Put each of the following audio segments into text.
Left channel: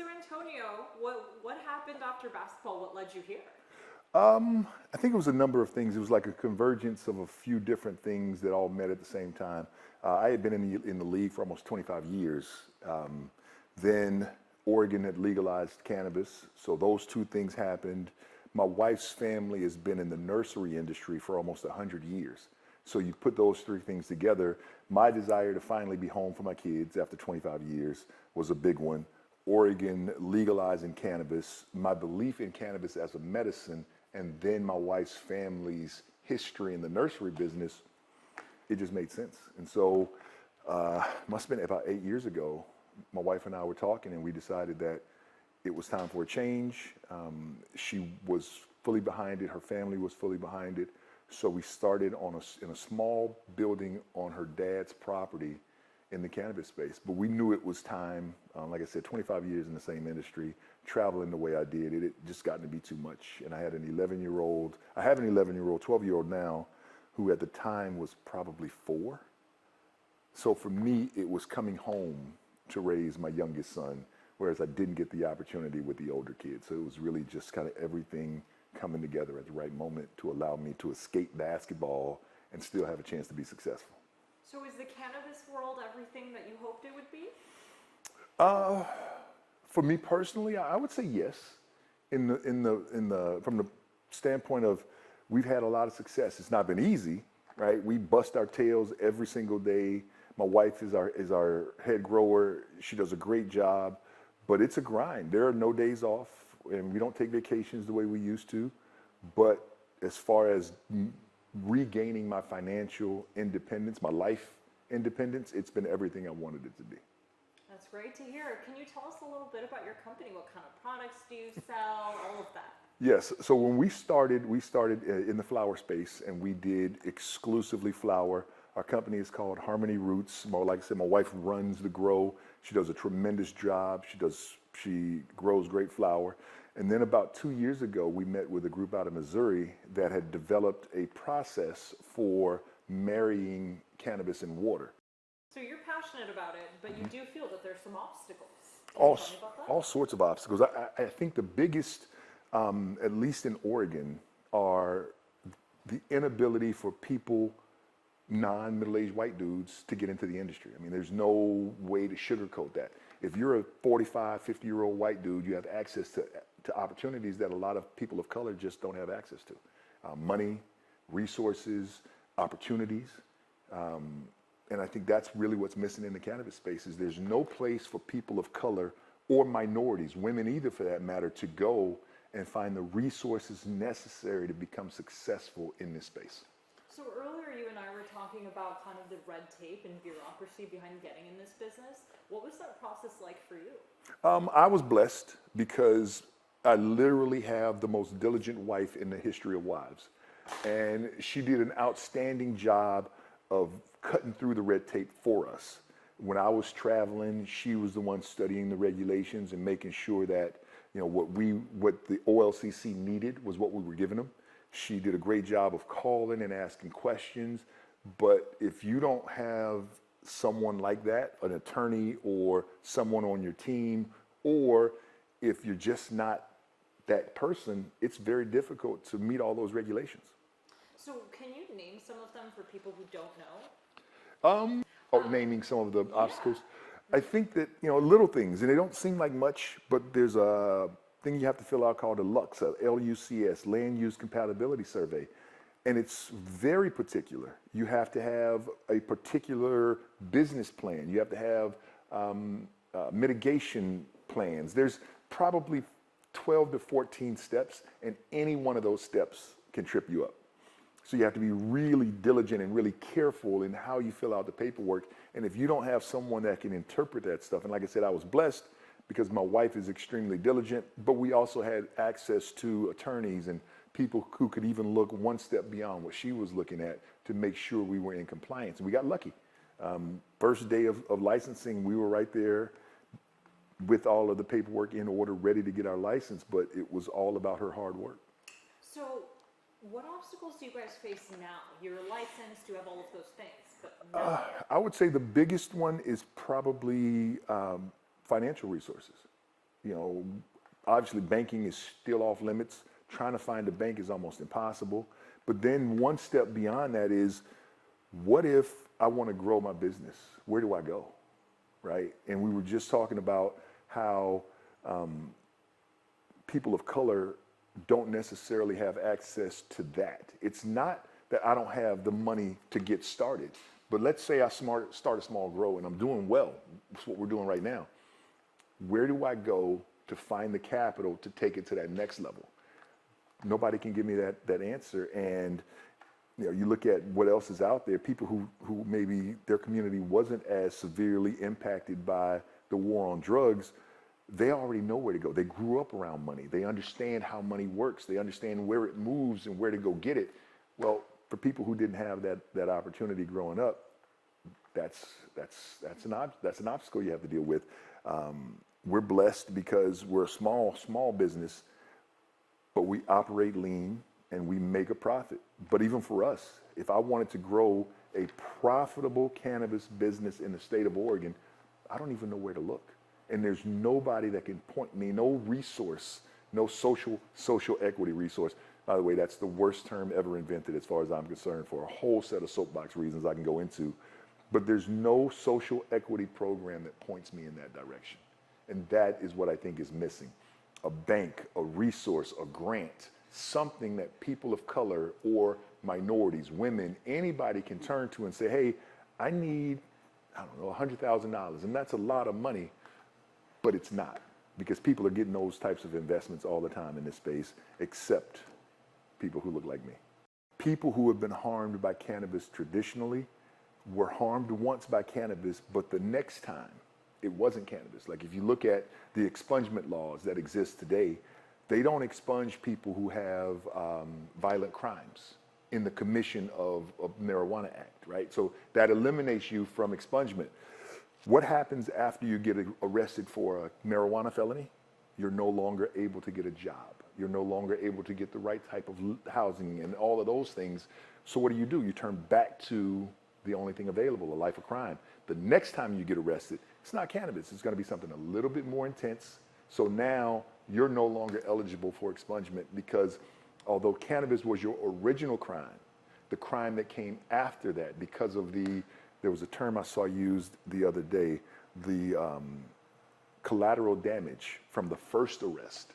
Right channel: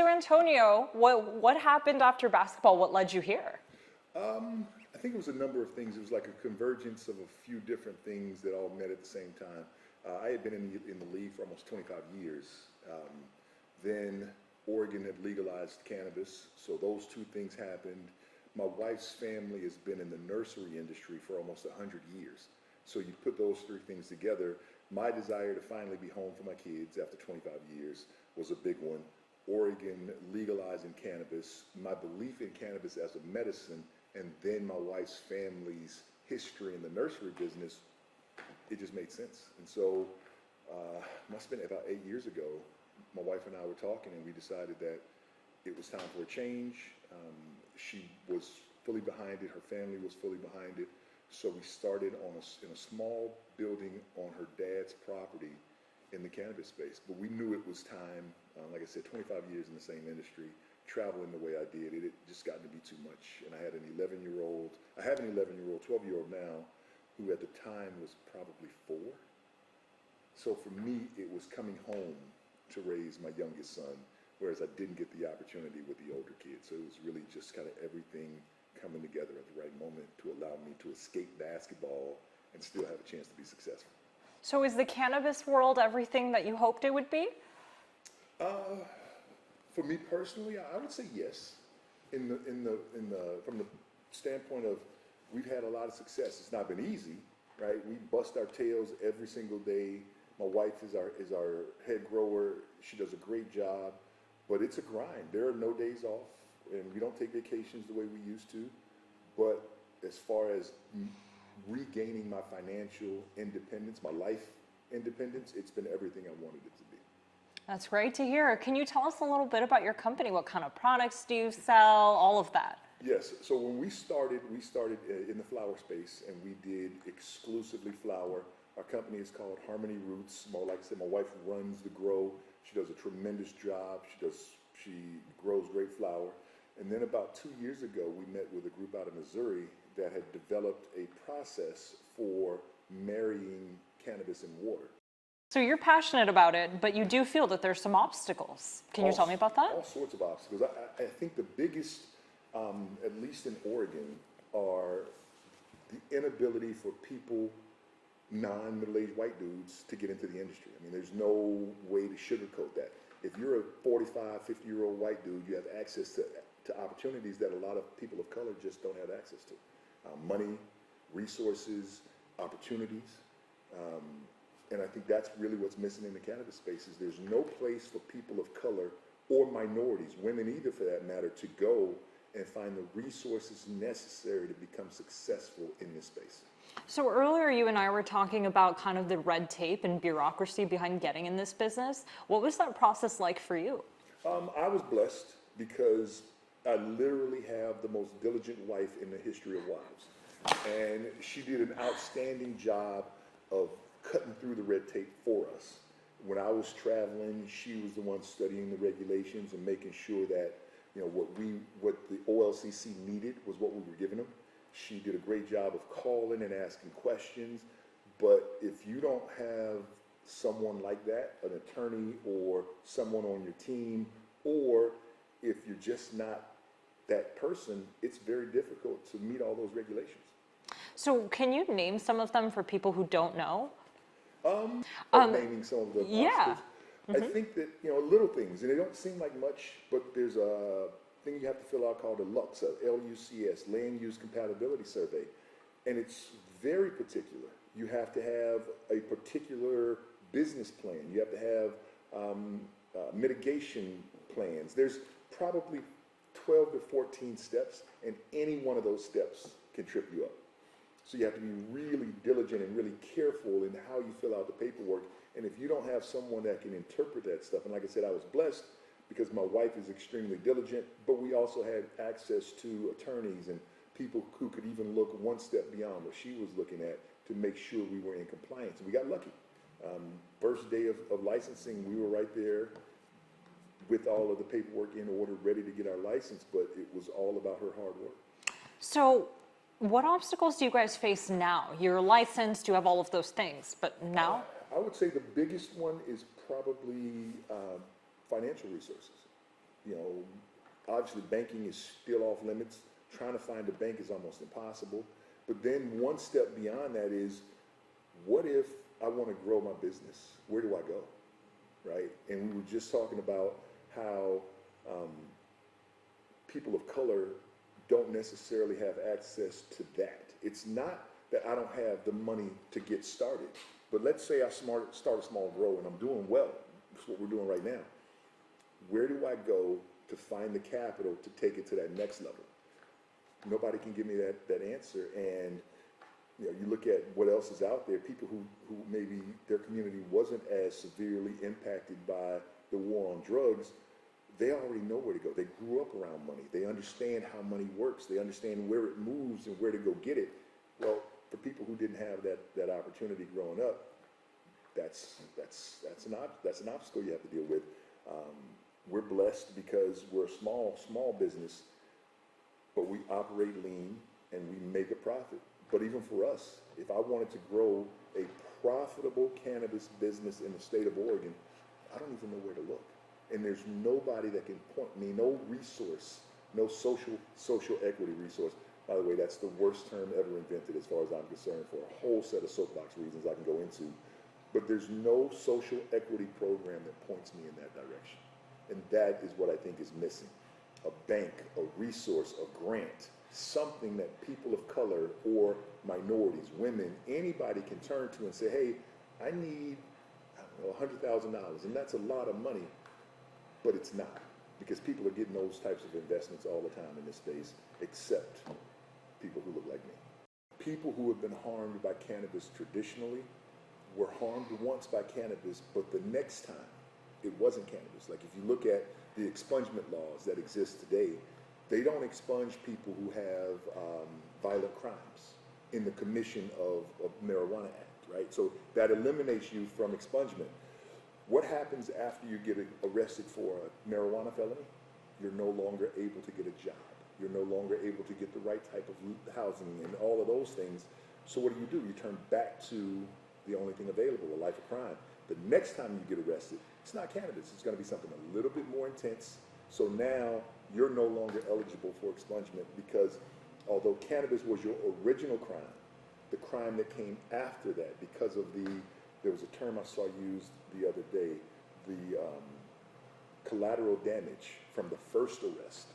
So Antonio, what happened after basketball? What led you here? I think it was a number of things. It was like a convergence of a few different things that all met at the same time. I had been in the league for almost 25 years. Then Oregon had legalized cannabis, so those two things happened. My wife's family has been in the nursery industry for almost 100 years. So you put those three things together. My desire to finally be home for my kids after 25 years was a big one. Oregon legalizing cannabis, my belief in cannabis as a medicine, and then my wife's family's history in the nursery business, it just made sense. And so, must have been about 8 years ago, my wife and I were talking and we decided that it was time for a change. She was fully behind it, her family was fully behind it. So we started in a small building on her dad's property in the cannabis space. But we knew it was time. Like I said, 25 years in the same industry, traveling the way I did, it just gotten to be too much. And I had an 11-year-old, 12-year-old now, who at the time was probably 4. So for me, it was coming home to raise my youngest son, whereas I didn't get the opportunity with the older kids. So it was really just kind of everything coming together at the right moment to allow me to escape basketball and still have a chance to be successful. So is the cannabis world everything that you hoped it would be? For me personally, I would say yes. From the standpoint of we've had a lot of success. It's not been easy, right? We bust our tails every single day. My wife is our head grower. She does a great job, but it's a grind. There are no days off, and we don't take vacations the way we used to. But as far as regaining my financial independence, my life independence, it's been everything I wanted it to be. That's great to hear. Can you tell us a little bit about your company? What kind of products do you sell? All of that. Yes. So when we started in the flower space, and we did exclusively flower. Our company is called Harmony Roots. Like I said, my wife runs the grow. She does a tremendous job. She grows great flower. And then about 2 years ago, we met with a group out of Missouri that had developed a process for marrying cannabis and water. So you're passionate about it, but you do feel that there's some obstacles. Can you tell me about that? All sorts of obstacles. I think the biggest, at least in Oregon, are the inability for people, non-middle-aged white dudes, to get into the industry. I mean, there's no way to sugarcoat that. If you're a 45, 50-year-old white dude, you have access to opportunities that a lot of people of color just don't have access to. Money, resources, opportunities. And I think that's really what's missing in the cannabis space is there's no place for people of color or minorities, women either for that matter, to go and find the resources necessary to become successful in this space. So earlier you and I were talking about kind of the red tape and bureaucracy behind getting in this business. What was that process like for you? I was blessed because I literally have the most diligent wife in the history of wives. And she did an outstanding job of cutting through the red tape for us. When I was traveling, she was the one studying the regulations and making sure that what the OLCC needed was what we were giving them. She did a great job of calling and asking questions. But if you don't have someone like that, an attorney or someone on your team, or if you're just not that person, it's very difficult to meet all those regulations. So can you name some of them for people who don't know? Naming some of the obstacles. Mm-hmm. I think that, little things, and they don't seem like much, but there's a thing you have to fill out called a LUCS, L-U-C-S, Land Use Compatibility Survey. And it's very particular. You have to have a particular business plan. You have to have mitigation plans. There's probably 12 to 14 steps, and any one of those steps can trip you up. So you have to be really diligent and really careful in how you fill out the paperwork. And if you don't have someone that can interpret that stuff, and like I said, I was blessed because my wife is extremely diligent, but we also had access to attorneys and people who could even look one step beyond what she was looking at to make sure we were in compliance. And we got lucky. First day of licensing, we were right there with all of the paperwork in order, ready to get our license, but it was all about her hard work. So what obstacles do you guys face now? You're licensed, you have all of those things, but now? I would say the biggest one is probably financial resources. You know, obviously banking is still off limits. Trying to find a bank is almost impossible. But then one step beyond that is, what if I want to grow my business? Where do I go, right? And we were just talking about how people of color don't necessarily have access to that. It's not that I don't have the money to get started, but let's say I start a small grow and I'm doing well. That's what we're doing right now. Where do I go to find the capital to take it to that next level? Nobody can give me that answer. And you know, you look at what else is out there, people who maybe their community wasn't as severely impacted by the war on drugs, they already know where to go. They grew up around money. They understand how money works. They understand where it moves and where to go get it. Well, for people who didn't have that opportunity growing up, that's an obstacle you have to deal with. We're blessed because we're a small business, but we operate lean and we make a profit. But even for us, if I wanted to grow a profitable cannabis business in the state of Oregon, I don't even know where to look. And there's nobody that can point me, no resource, no social equity resource. By the way, that's the worst term ever invented as far as I'm concerned, for a whole set of soapbox reasons I can go into. But there's no social equity program that points me in that direction. And that is what I think is missing. A bank, a resource, a grant, something that people of color or minorities, women, anybody can turn to and say, hey, I need, I don't know, $100,000. And that's a lot of money, but it's not, because people are getting those types of investments all the time in this space, except people who look like me. People who have been harmed by cannabis traditionally were harmed once by cannabis, but the next time it wasn't cannabis. Like if you look at the expungement laws that exist today, they don't expunge people who have violent crimes in the commission of Marijuana Act, right? So that eliminates you from expungement. What happens after you get arrested for a marijuana felony? You're no longer able to get a job. You're no longer able to get the right type of housing and all of those things. So what do? You turn back to the only thing available, a life of crime. The next time you get arrested, it's not cannabis. It's going to be something a little bit more intense. So now you're no longer eligible for expungement, because although cannabis was your original crime, the crime that came after that, because of there was a term I saw used the other day, the collateral damage from the first arrest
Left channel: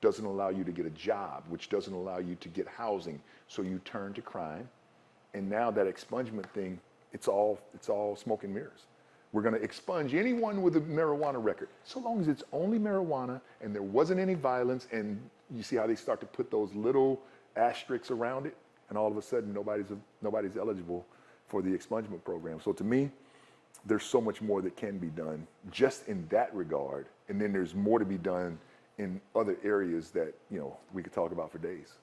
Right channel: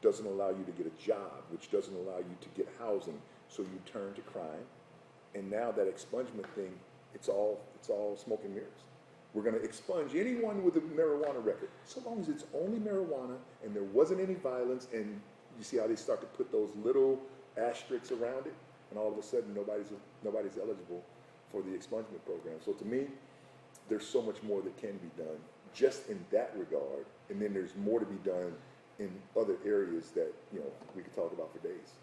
doesn't allow you to get a job, which doesn't allow you to get housing. So you turn to crime. And now that expungement thing, it's all smoke and mirrors. We're going to expunge anyone with a marijuana record, so long as it's only marijuana and there wasn't any violence. And you see how they start to put those little asterisks around it, and all of a sudden nobody's eligible for the expungement program. So to me, there's so much more that can be done just in that regard, and then there's more to be done in other areas that we could talk about for days.